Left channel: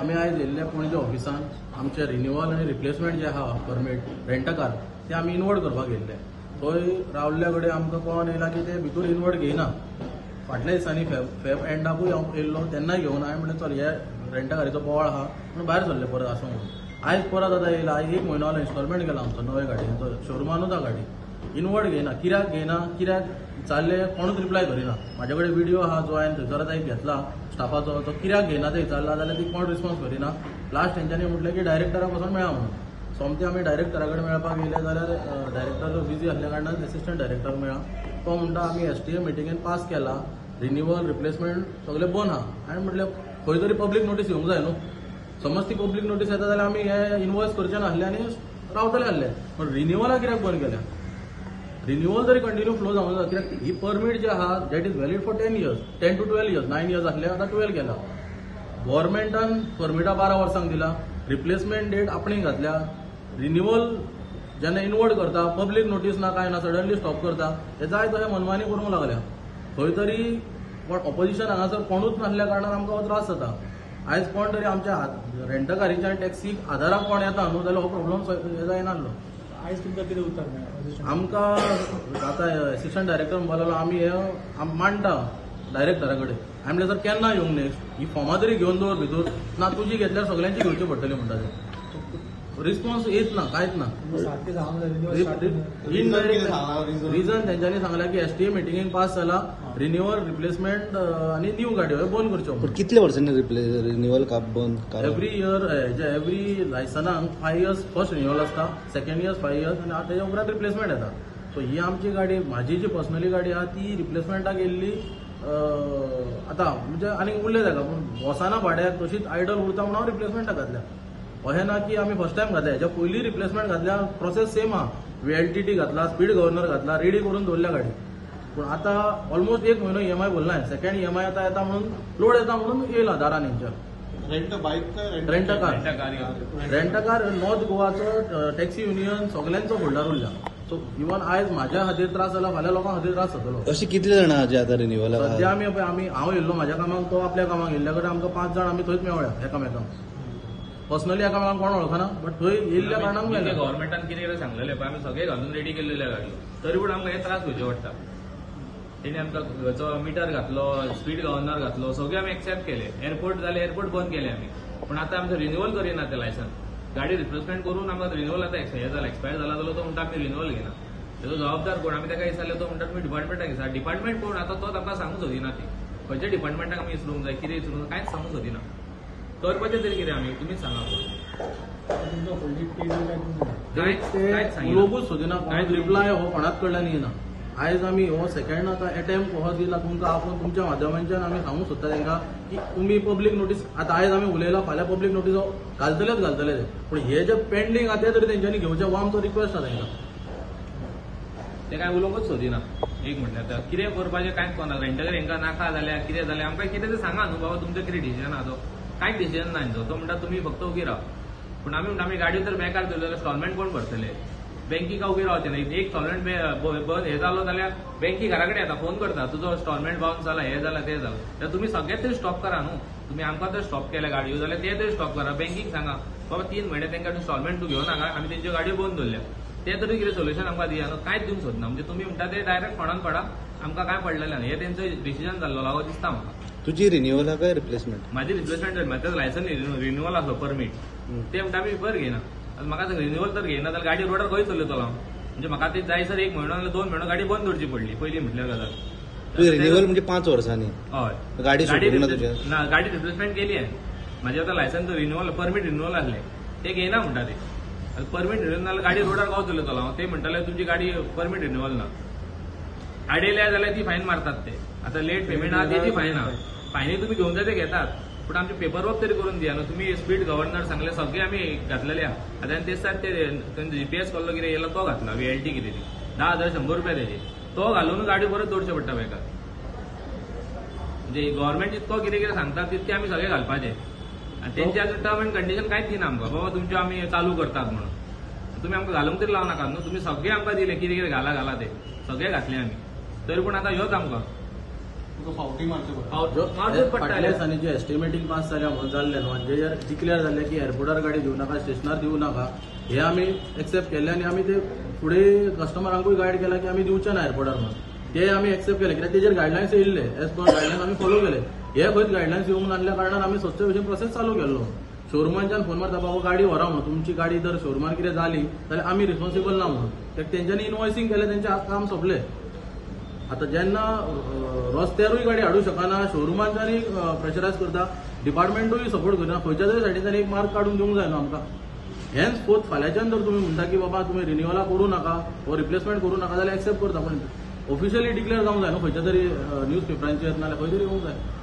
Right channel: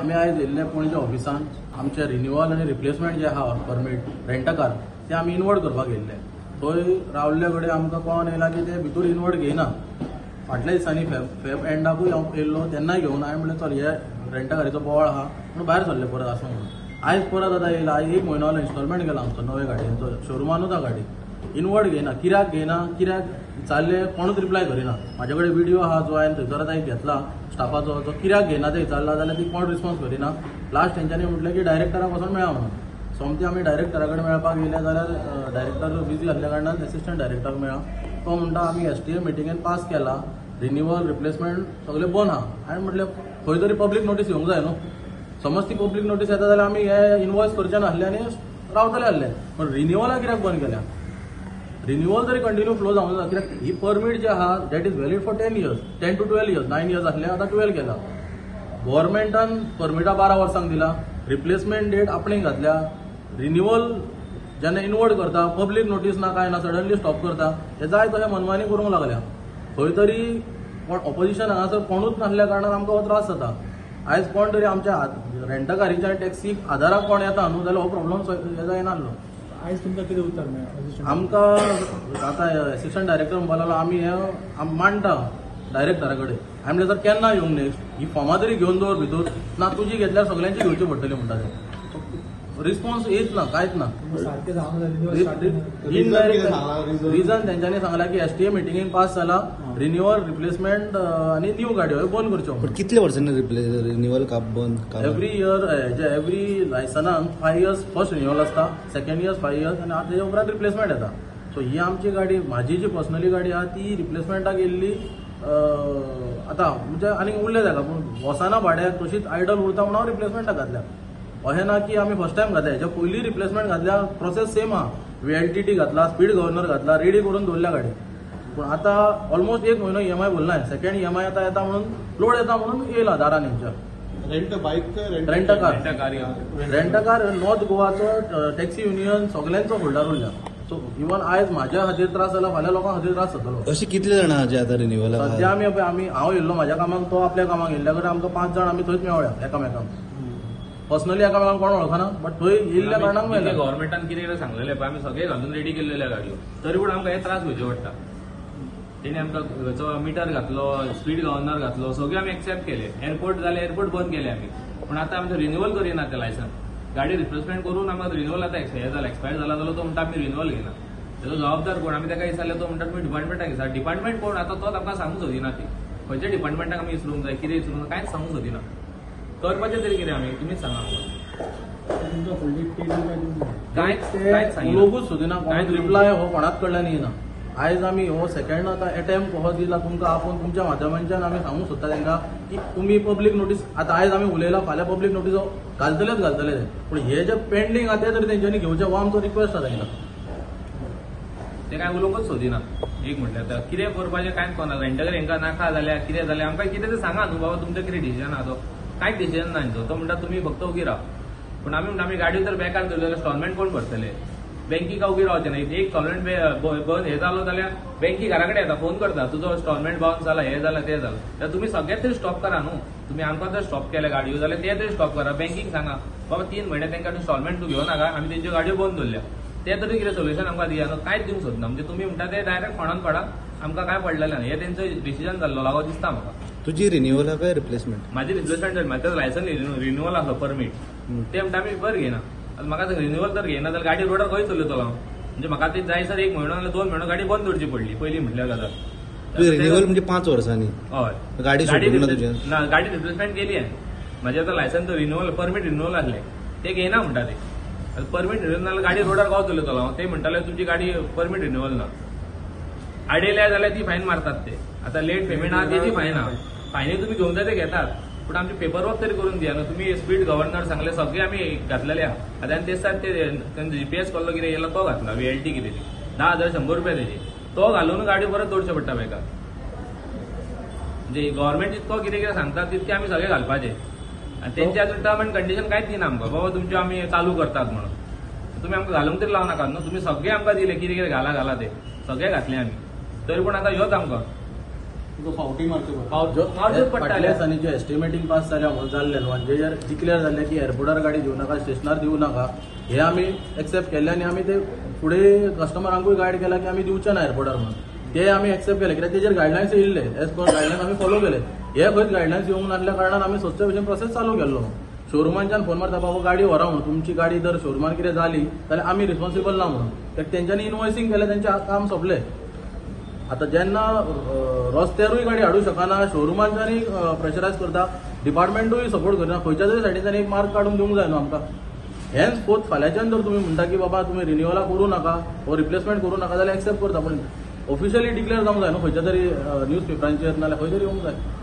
आमी आयज येयल्ले पणजे ऑफिसान आमचे रिन्युअल आनी रिप्लेसमेंट जे आहा परमीट रेंटा कार ते आमी इनवर्ट करपाक येयल्ले. थंय रावल्ले कडेन आमकां कळोन येयला की ते भितर इनवर्ट घेयना. फाटल्या दिसांनी फेब एंडाकूय हांव येयल्लो तेन्नाय घेवन हांवें म्हणलें चल हे रेंटा कारीचो बोवाळ आहा म्हणून भायर सरले परत आसूं म्हणून. आयज परत आतां येयला, आयज 1 म्हयनो जालो इन्स्टॉलमेंट केला आमचो नवे गाडयेचो, शोरुमानूच आहा गाडी. इनवर्ट घेयना, कित्याक घेयना, कित्याक चालले कोणूच रिप्लाय करिना. म्हाजे कडेन व्हिडिओ आहा जो हांवें थंयसर आतां एक घेतला स्टाफाचो, तो कित्याक घेयना ते विचारला जाल्यार ती कोण रिस्पॉन्स करिना. लास्ट तेंच्यांनी म्हटलें की डायरेक्टराक वचोन मेळा म्हणून. सोमतें आमी डायरेक्टरा कडेन मेळपाक येयले जाल्यार डायरेक्टर बिजी आसल्या कारणान एसिस्टंट डायरेक्टर मेळ्ळा. तो म्हणटा आमी STA मिटिंगेन पास केला, रिन्युअल रिप्लेसमेंट सगळें बंद आहा. हांवें म्हटलें खंय तरी पब्लीक नोटीस येवंक जाय न्हू. समज ती पब्लीक नोटीस येता जाल्यार आमी हे इनवॉयस करचे नासले आनी रावतले आसले. पण रिन्युअला कित्याक बंद केल्या? रिन्युअल तरी कंटिन्यू फ्लो जावंक जाय. कित्याक ही परमीट जे आहा that is valid for 10 years, 10 to 12 years, 9 years आसले आतां 12 केला. गव्हर्मेंटान परमिटा 12 वर्सांक दिला, रिप्लेसमेंट डेट आपणें घातल्या. रिन्युअल जेन्ना इनवर्ट करता पब्लीक नोटीस ना काय ना सडनली स्टॉप करता, हे जाय तशें मनमानी करूंक लागल्या. खंय तरी ऑपोजिशन हांगासर कोणूच नासल्या कारणान आमकां हो त्रास जाता. आयज कोण तरी आमच्या रेंटा कारीच्या टॅक्सीक आधाराक कोण येता न्हू जाल्यार हो प्रॉब्लम हे जायनासलो. आयज तुमकां कितें उतर मेळ्ळें? आमकां आतां एसिस्टंट डायरेक्टर म्हणपाक आमी हे मांडटा डायरेक्टरा कडेन. हांवें म्हणलें सर केन्ना येवंक नेक्स्ट ही फॉर्मां तरी घेवन दवर भितर. ना तुजी घेतल्यार सगळ्यांची घेवची पडटली म्हणटा ते. रिस्पॉन्स येत ना, कांयच ना. इनडायरेक्ट रिजन तेंच्यांनी सांगला की STA मिटिंगेन पास जाला, रिन्युअल रिप्लेसमेंट आनी न्यू गाडयो बंद करच्यो म्हणून. कितले वर्सांनी रिन्युअल बंद? एव्हरी इयर एव्हरी लायसनाक 5 years फर्स्ट रिन्युअल आसता, सेकंड इयर 5 years आनी ताच्या उपरांत रिप्लेसमेंट येता. सो ही आमची गाडी, म्हाजी जी पर्सनली गाडी आहा ती रिप्लेसमेंटाक येयल्ली आतां म्हणजे आनी उरले जाका. पूण वसाना भाड्याक तशीच आयडल उरता म्हणून हांव रिप्लेसमेंटाक घातल्या. अशें ना की आमी फर्स्ट टायम घातल्या, हेच्या पयलीं रिप्लेसमेंट घातल्या, प्रोसेस सेम आहा. VLTT घातला, स्पीड गव्हर्नर घातला, रेडी करून दवरल्या गाडी. पूण आतां ऑलमोस्ट 1 म्हयनो EMI भरला. सेकंड EMI आतां येता म्हणून लोड येता म्हणून येयला दारान हेंच्या. रेंटा कार नॉर्थ गोवाचो टॅक्सी युनियन सगळ्यांचो होल्डार उरल्या. सो इवन आयज म्हाज्या खातीर त्रास जाला, फाल्यां लोकां खातीर त्रास जातलो. कितले जाणां जे आतां रिन्युअल सध्या आमी हांव येयल्लो म्हाज्या कामाक, तो आपल्या कामाक येयल्ल्या कडेन आमकां 5 जाण आमी थंयच मेवळ्या एकामेकांक. पर्सनली एकामेकांक कोण वळखना, बट थंय येयल्ल्या कारणाक मेळ्ळें. गव्हर्मेंटान कितें सांगलेलें पळय, आमी सगळे घालून रेडी केल्लेल्या गाडयो, तरी पूण आमकां हे त्रास घेवचे पडटा. तेणी आमकां मिटर घातलो, स्पीड गव्हर्नर घातलो, सगळे आमी एक्सेप्ट केले. एअरपोर्ट जाले, एअरपोर्ट बंद केले आमी. पूण आतां आमचें रिन्युअल करिना ते लायसन्स. गाडी रिप्लेसमेंट करून आमकां रिन्युअल आतां हे जाला, एक्सपायर जाला जाल्यार तो म्हणटा आमी रिन्युअल घेना. तेजो जबाबदार कोण? आमी ताका विचारले, तो म्हणटा तुमी डिपार्टमेंटाक विचार. डिपार्टमेंट कोण? आतां तोच आमकां सांगूंक सोदिना. ती खंयच्या डिपार्टमेंटाक आमी विचारूंक जाय, कितें विचारूंक जाय, कांयच सांगूंक सोदिना. करपाचें तरी कितें आमी? तुमीच सांगा आमकां. उलोवंकूच सोदिना, कोणूच रिप्लाय हो कोणाच कडल्यान येना. आयज आमी हो सेकंड आतां अटेम्प्ट हो दिला तुमकां. आपूण तुमच्या माध्यमांच्यान आमी सांगूंक सोदता तांकां की तुमी पब्लीक नोटीस, आतां आयज आमी उलयला, फाल्यां पब्लीक नोटीस घालतले ते. पूण हे जे पेंडींग आहा ते तरी तेंच्यांनी घेवचे, हो आमचो रिक्वेस्ट आसा तांकां. ते काय उलोवंकूच सोदिना. एक म्हणटा आतां कितें करपाचें कांयच कळना. रेंटकर हांकां नाका जाल्यार कितें जालें आमकां कितें तें सांगा न्हू बाबा, तुमचो कितें डिसिजन आहा तो. कांयच डिसिजन ना हांचो. तो म्हणटा तुमी फक्त उगी राव. पूण आमी म्हणटा आमी गाडयो तर बेकार दवरल्यो जाल्यार इन्स्टॉलमेंट कोण भरतले? बँकी का उबी रावचे नाही. एक इन्स्टॉलमेंट बंद हे जालो जाल्यार बँकी घरा कडेन येता, फोन करता, तुजो इन्स्टॉलमेंट बाउन्स जाला, हे जालां ते जालां. जाल्यार तुमी सगळेच तरी स्टॉप करा न्हू. तुमी आमकां जर स्टॉप केल्या गाडयो जाल्यार ते तरी स्टॉप करा. बँकीक सांगा बाबा 3 म्हयने तांकां इन्स्टॉलमेंट तूं घेवं नाका, आमी तेंच्यो गाडयो बंद दवरल्या. ते तरी कितें सोल्युशन आमकां दिया न्हू. कांयच दिवंक सोदना. म्हणजे तुमी म्हणटा ते डायरेक्ट फोंडान पडा, आमकां काय पडलेलें ना. हे तेंचो डिसिजन जाल्लो लागो दिसता म्हाका. तुजी रिन्युअल काय रिप्लेसमेंट? म्हाजी रिप्लेसमेंट जाली. म्हाजें लायसन रिन्युअल आसलो परमीट, ते म्हणटा आमी बरें घेयना. आतां म्हाका रिन्युअल तर घेयना जाल्यार गाडी रोडार खंय चलयतलो हांव? म्हणजे म्हाका ती जाय सर 1 म्हयनो नाल्यार 2 म्हयनो गाडी बंद दवरची पडली पयलीं म्हटल्यार गजाल. 5 वर्सांनी हय गाडी रिप्लेसमेंट केली आहे. म्हाजें आतां लायसन तो रिन्युअल परमीट रिन्युअल आसलें, ते घेयना म्हणटा ते. परमीट रिन्युअल नाल्यार गाडी रोडार गांव चलयतलो हांव. ते म्हणटाले तुमची गाडी परमीट रिन्युअल ना. आडयल्या जाल्यार ती फायन मारतात ते. आतां लेट पेमेंट आहा तेजी फायन आहा. फायनी तुमी घेवंक जाय ते घेतात, पूण आमचे पेपरवर्क तरी करून दिया न्हू. तुमी स्पीड गव्हर्नर सांगले सगळे आमी घातलेले आहा. आतां आनी तेच ते GPS कॉल्लो कितें येयला तो घातला. VLT कितें ती 10,100 रुपया तेजी. तो घालून गाडी परत दवरचे पडटा बेकार. म्हणजे गव्हर्मेंट जितको कितें कितें सांगता तितके आमी सगळे घालपाचे. आनी तेंचे आतां टर्म एंड कंडिशन कांयच दिना आमकां. बाबा तुमच्यो आमी चालू करतात म्हणून. तुमी आमकां घालूंक तरी लावनाकात न्हू. तुमी सगळे आमकां दिले कितें कितें घाला ते सगळे घातले आमी. तरी पूण आतां ह्योच आमकां फावटूच पडटाले फाटल्या दिसांनी जे एस्टिमेटींग पास जाल्ले न्हू आनी जे डिक्लेअर जाल्ले की एअरपोर्टार गाडी दिवं नाका स्टेशनार दिवं नाका हे आमी एक्सेप्ट केले आनी आमी ते फुडें कस्टमरांकूय गायड केला की आमी दिवचे ना एअरपोर्टार म्हणून ते आमी एक्सेप्ट केले कित्याक तेजेर गायडलायन्स येयल्ले एज पर गायडलायन्स आमी फॉलो केले हे खंयच गायडलायन्स येवंक नासल्या कारणान आमी स्वच्छ भशेन प्रोसेस चालू केल्लो शोरुमांच्यान फोन मारता बाबा गाडी व्हरा म्हणून तुमची गाडी जर शोरुमान कितें जाली जाल्यार आमी रिस्पॉन्सिबल ना म्हणून कित्याक तेंच्यांनी इनवॉयसिंग केलें तेंचें काम सोंपलें आता जेन्ना रस्त्यारूय गाडी हाडूं शकना शोरुमांच्यानी प्रेशरायज करता डिपार्टमेंटूय सपोर्ट करना खंयच्या तरी सायडींच्यान एक मार्क काडून दिवंक जाय न्हू आमकां हेंच पोत फाल्यांच्यान जर तुमी म्हणटा की बाबा तुमी रिन्युअला करूं नाका वो रिप्लेसमेंट करूं नाका जाल्यार एक्सेप्ट करता पूण ऑफिशियली डिक्लेअर जावंक जाय न्हू खंयच्या तरी न्यूज पेपरांचेर नाल्यार खंय तरी येवंक जाय